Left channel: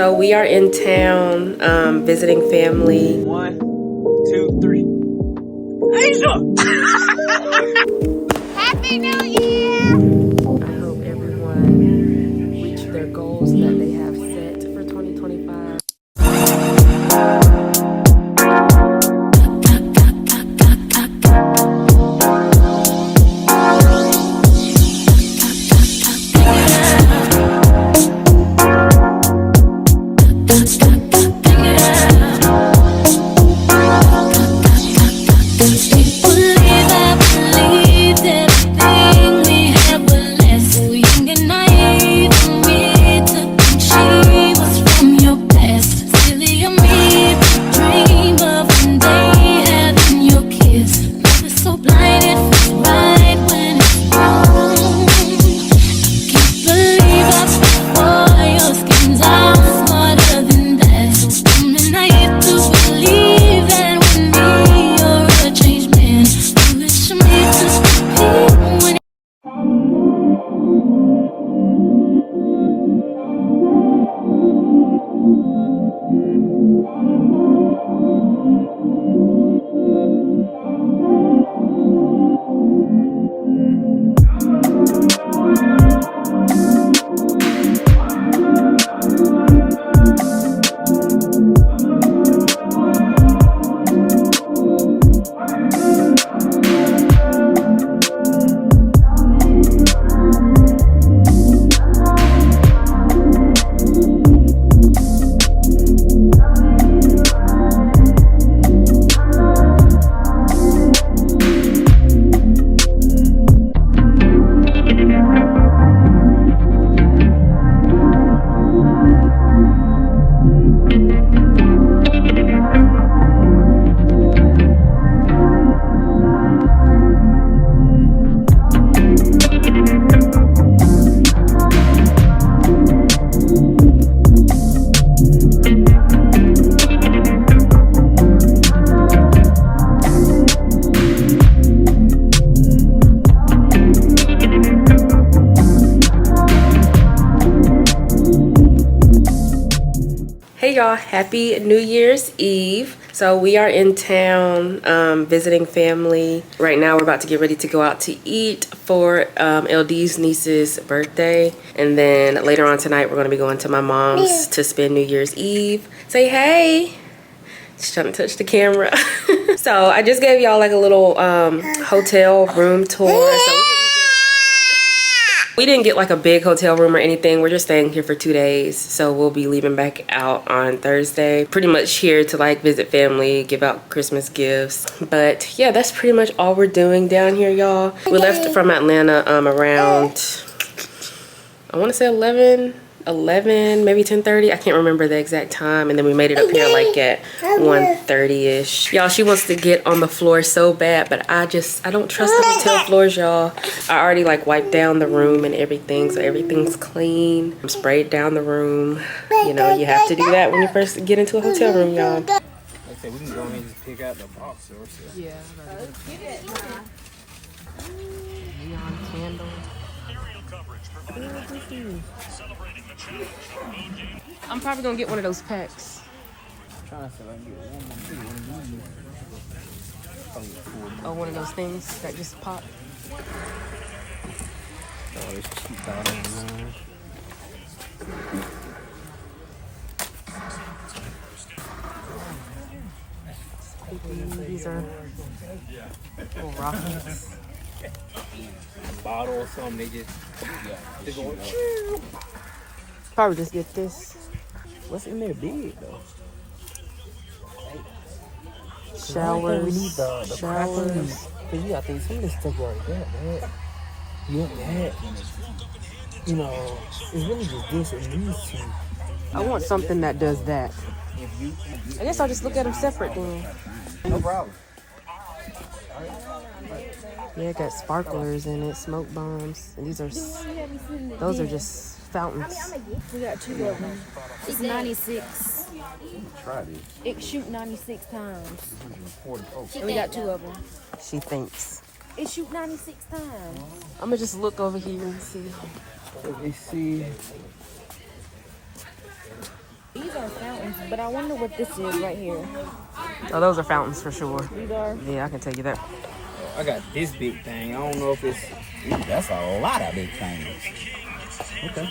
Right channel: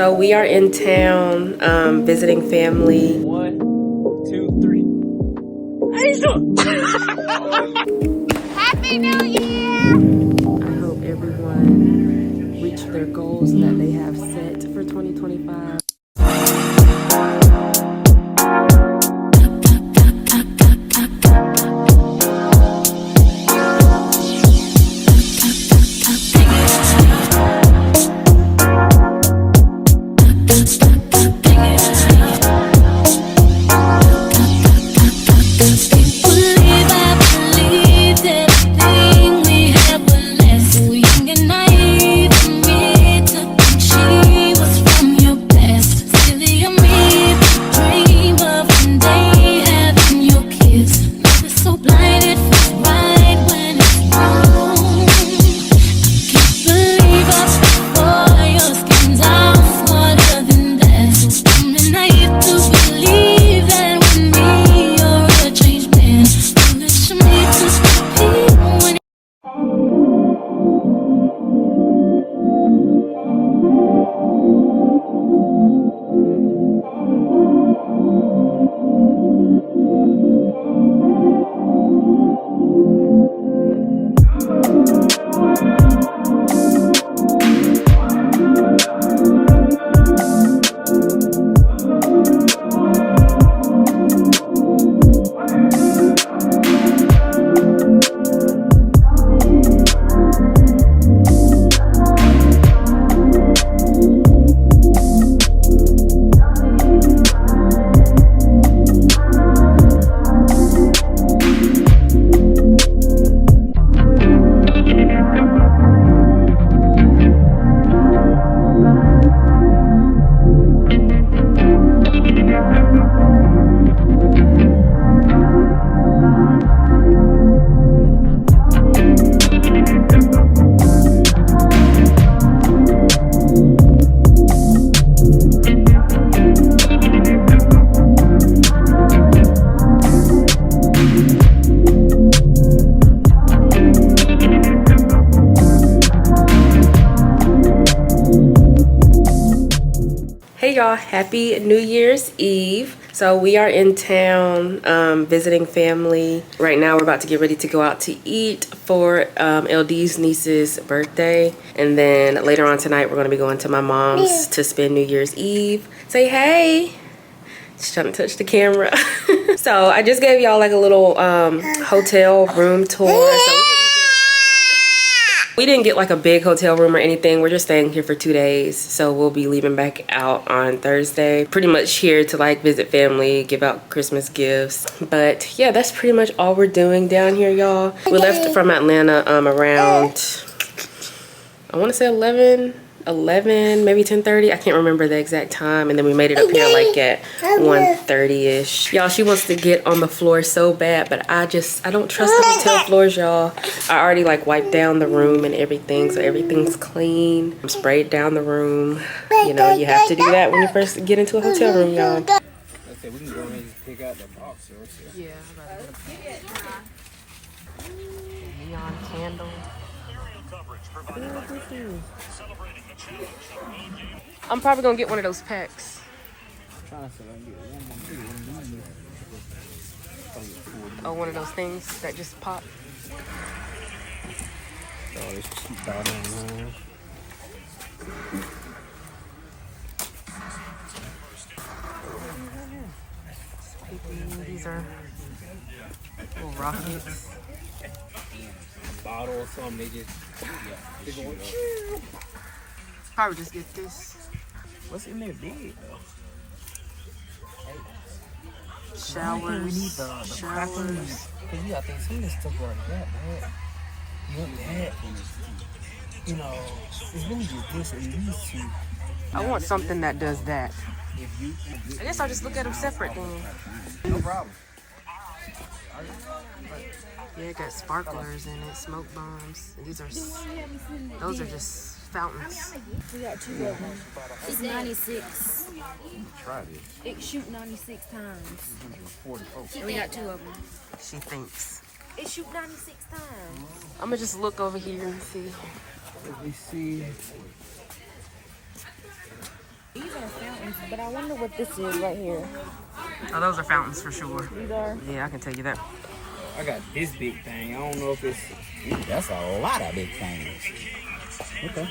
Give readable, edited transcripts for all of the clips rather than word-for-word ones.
So we are in town visiting family. 1, 2, 3. Asia! Happy New Year! I hope everyone reached their goals that they have set for 2025. Hey y'all, happy New Year's Eve. So we are in town visiting family. Right now we're about to get ready to go out to eat for LD's niece's birthday. And then later on tonight we're gonna be going to my mom's to spend New Year's Eve. Say hey. Just trying to touch the camera. So I just gave y'all like a little hotel room tour. So we didn't get like a big hotel room or anything. We're just staying here for 2 days. So we'll be leaving back out on Thursday. Pretty much here to like visit family, give out Christmas gifts. But yeah, that's pretty much all we're doing down here, y'all. We left from Atlanta around, I want to say 11, maybe 10:30. I can't remember the exact time. And then we made it up here like at 1:30ish. Y'all, she wants to get on the floor so bad, but I don't trust the hotel floors, y'all. I already like wiped down the room and everything, so everything's clean. I'm sprayed down the room. You know, you have to do that when you first get into a hotel room, y'all. Like I said, we can go ahead and just pick out the box or so. Yeah, neon candle. I'm probably gonna get one of those packs. I'm trying to see if I can get one more. Or one of those things that just pop. Oh, it's cheap out of line. These are little rockets. A bottle or something, they go. Probably just get this. What's in there big though? Showers. Cause you got these things stuff like that, man. You know, it's really just this and these two. I want something that does that. I guess I'll just look at them separate then. No problem. Yeah, it got sparklers in it, smoke bombs. And those are just fountains. We got 2 of them. It's 96. It shoot 96 times. And we got 2 of them. She thinks. It shoot 96 times. I'm gonna just look over here and see. Let me see. These are fountains, but I wonder what this is right here. Oh, those are fountains for sure. These are. Yeah, I can tell you that. I got this big thing. I don't know if it's. Ooh, that's a lot of big things. Okay.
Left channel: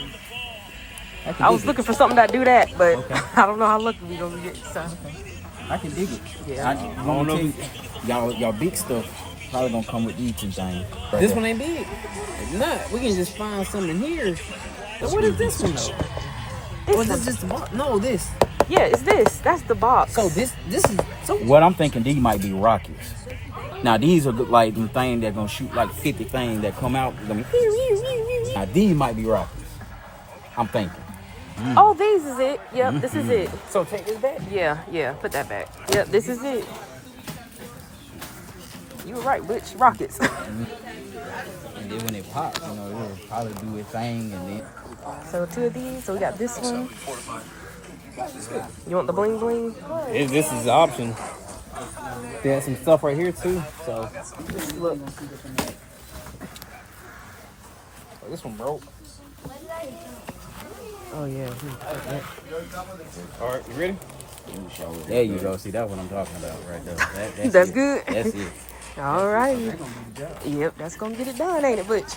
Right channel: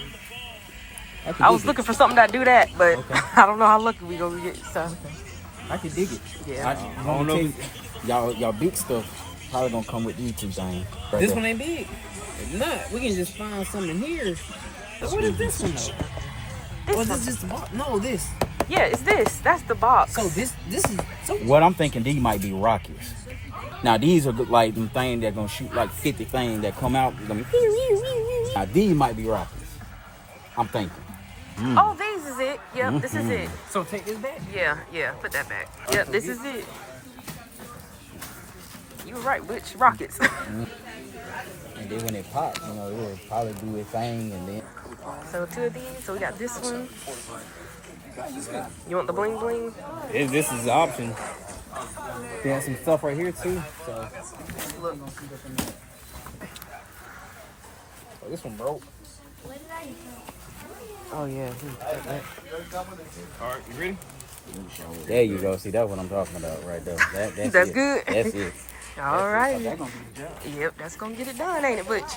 I was looking for something that do that, but I don't know how lucky we gonna get. So. I can dig it. Yeah. I don't know if y'all big stuff probably gonna come with these two things. This one ain't big. If not, we can just find something here. But what is this one though? Or is this just the box? No, this. Yeah, it's this. That's the box. So this is so. What I'm thinking, these might be rockets. Now these are like them things that gonna shoot like 50 things that come out. Gonna be, now these might be rockets. I'm thinking. Oh, this is it. Yep, this is it. So take this back. Yeah, put that back. Yep, this is it. You were right, Butch. Rockets. And then when it pops, you know, it'll probably do a thing and then. So 2 of these. So we got this one. You want the bling bling? This is the option. There's some stuff right here too. So look. This one broke. Oh yeah. All right, you ready? There you go. See, that's what I'm talking about right there. That's good. That's it. All right. Yep, that's gonna get it done, ain't it, Butch?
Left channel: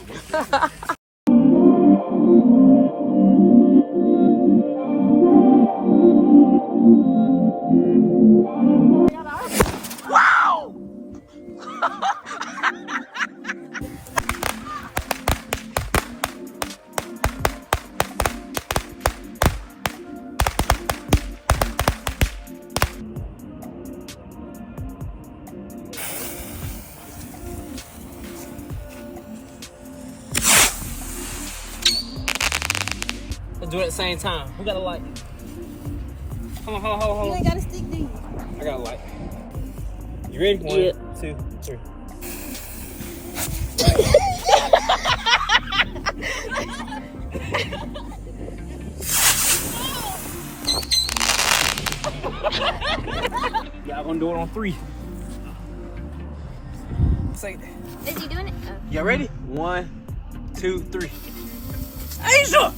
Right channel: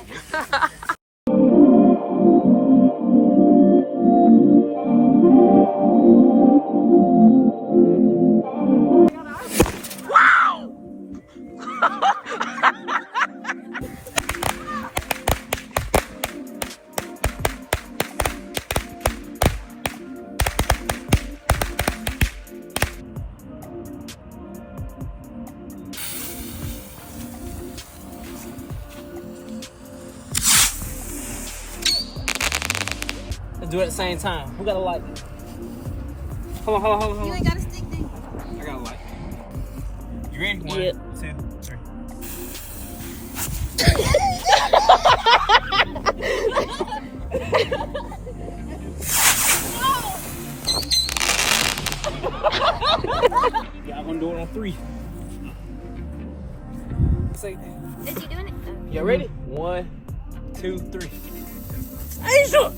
Wow! Let's do it at the same time. Who got a light? Hold on. You ain't got a stick, do you? I got a light. You ready? 1, 2, 3. Y'all gonna do it on 3. Say that. Is he doing it? Y'all ready? 1, 2, 3. Asia!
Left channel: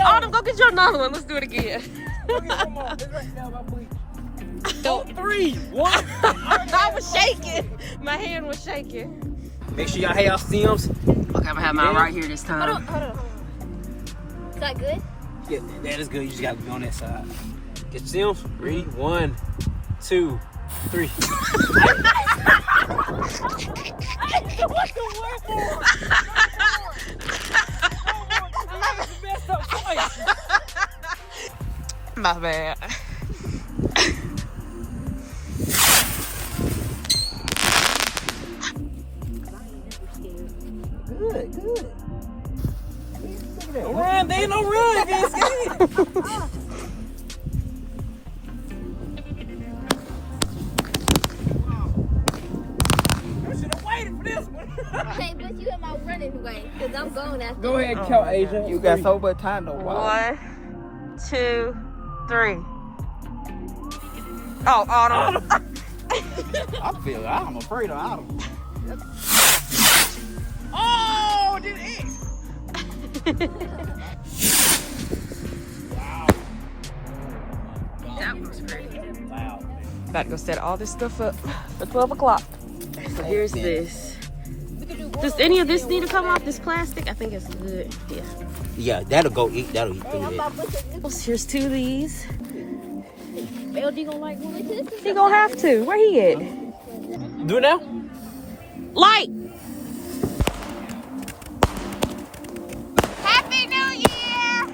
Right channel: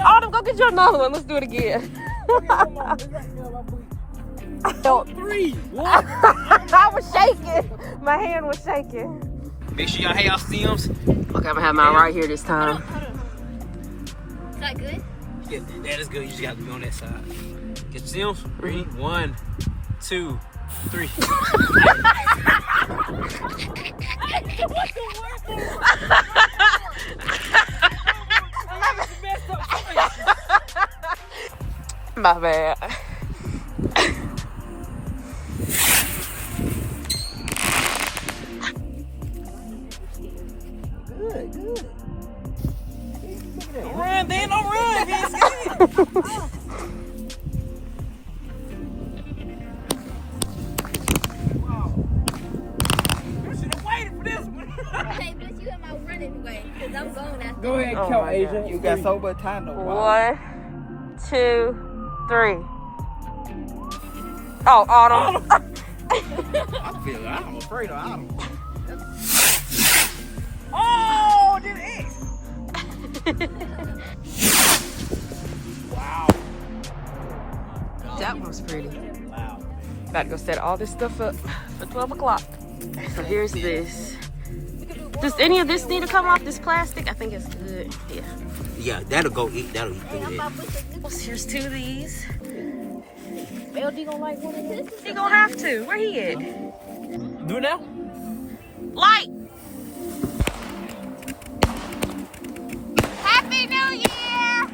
Autumn, go get you another one. Let's do it again. 3, 1. I was shaking. My hand was shaking. Make sure y'all have y'all stems. Okay, I'm gonna have mine right here this time. Is that good? Yeah, that is good. You just gotta be on that side. Get your stems. 3, 1, 2, 3. What's the word? My bad. Good. Look at that. Run, there ain't no run, bitch. Hey, but you in my run anyway, because I'm going after. Go ahead and Oh count, my Asia. God. You got so much time to watch. 1, 2, 3. Oh, Autumn. I'm afraid of Autumn. Oh, did it? Wow. That was pretty. Wow. About to go set all this stuff up for 12 o'clock. So here's this. Does any of this need to come off, this plastic? I think it's good. Yeah. Yeah, that'll go eat. That'll eat through that. Here's 2 of these. LD gonna like one of this? He gonna have to. Where he at? Do it now? Light! Happy New Year!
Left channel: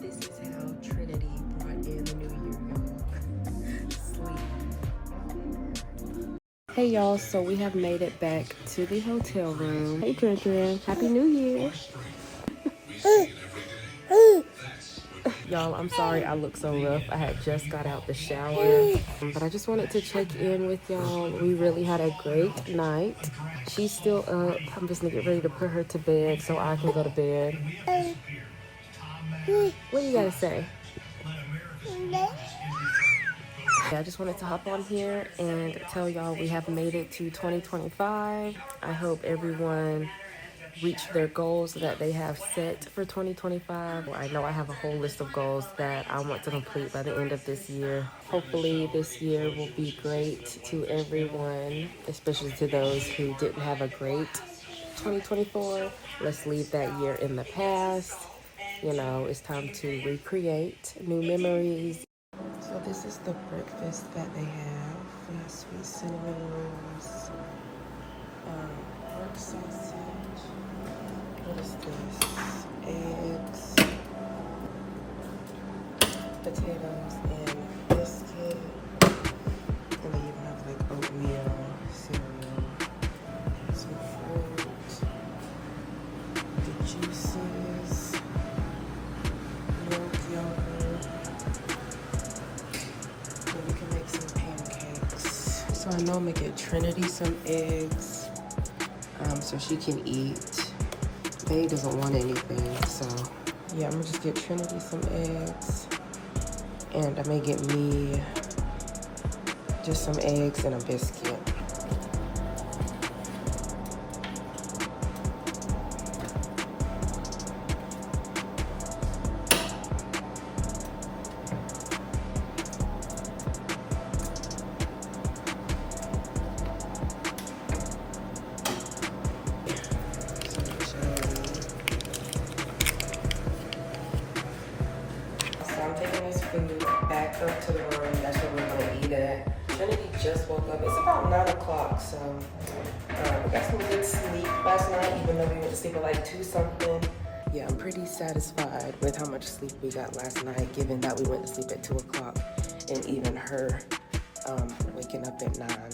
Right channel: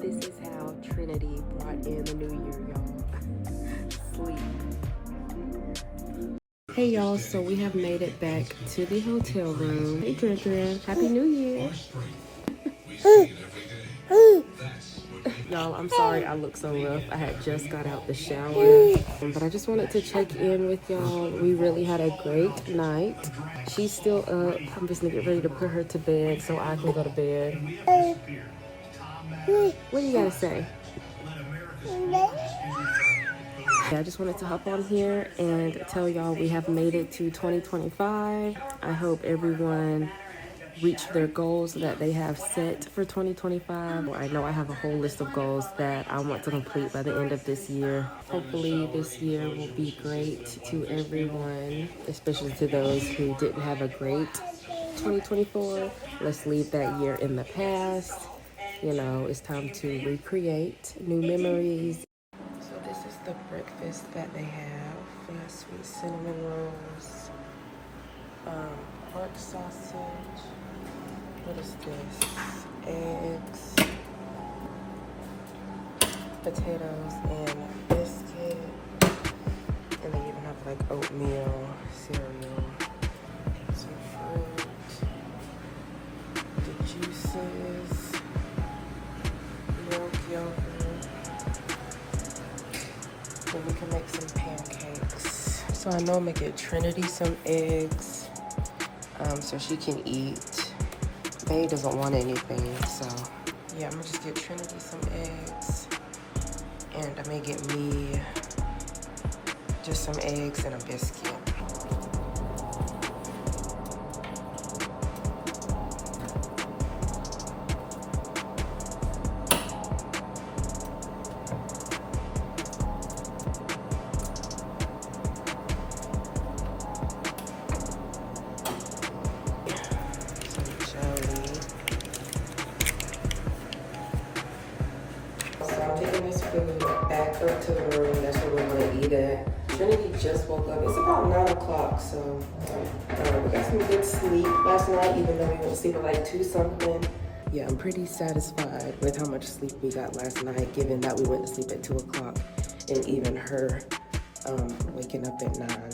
This is how Trinity brought in the new year, y'all. Sleep. Hey y'all, so we have made it back to the hotel room. Hey Trin, Happy New Year. Y'all, I'm sorry I look so rough. I had just got out the shower. But I just wanted to check in with y'all. We really had a great night. She's still up. I'm just gonna get ready to put her to bed so I can go to bed. What do you gotta say? I just wanted to hop on here and tell y'all we have made it to 2025. I hope everyone reached their goals that they have set for 2025. I know I have a whole list of goals that I want to complete by the end of this year. Hopefully this year will be great to everyone, especially to those who didn't have a great 2024. Let's leave that year in the past. You know, it's time to recreate new memories. So this is the breakfast that they have. Sweet cinnamon rolls, pork sausage. What is this? Eggs, potatoes, and biscuit. And they even have like oatmeal, cereal, some fruit, the juices, milk, yogurt. And you can make some pancakes. So I know I'm gonna get Trinity some eggs, so she can eat. Faye doesn't want anything, so yeah, I'm gonna just get Trinity some eggs, and I may get me just some eggs and a biscuit. Back up to the room. That's where we're gonna eat at. Trinity just woke up. It's about 9 o'clock, so we got some good sleep last night, even though we went to sleep at like 2 something. Yeah, I'm pretty satisfied with how much sleep we got last night, given that we went to sleep at 2 o'clock, and even her waking up at 9.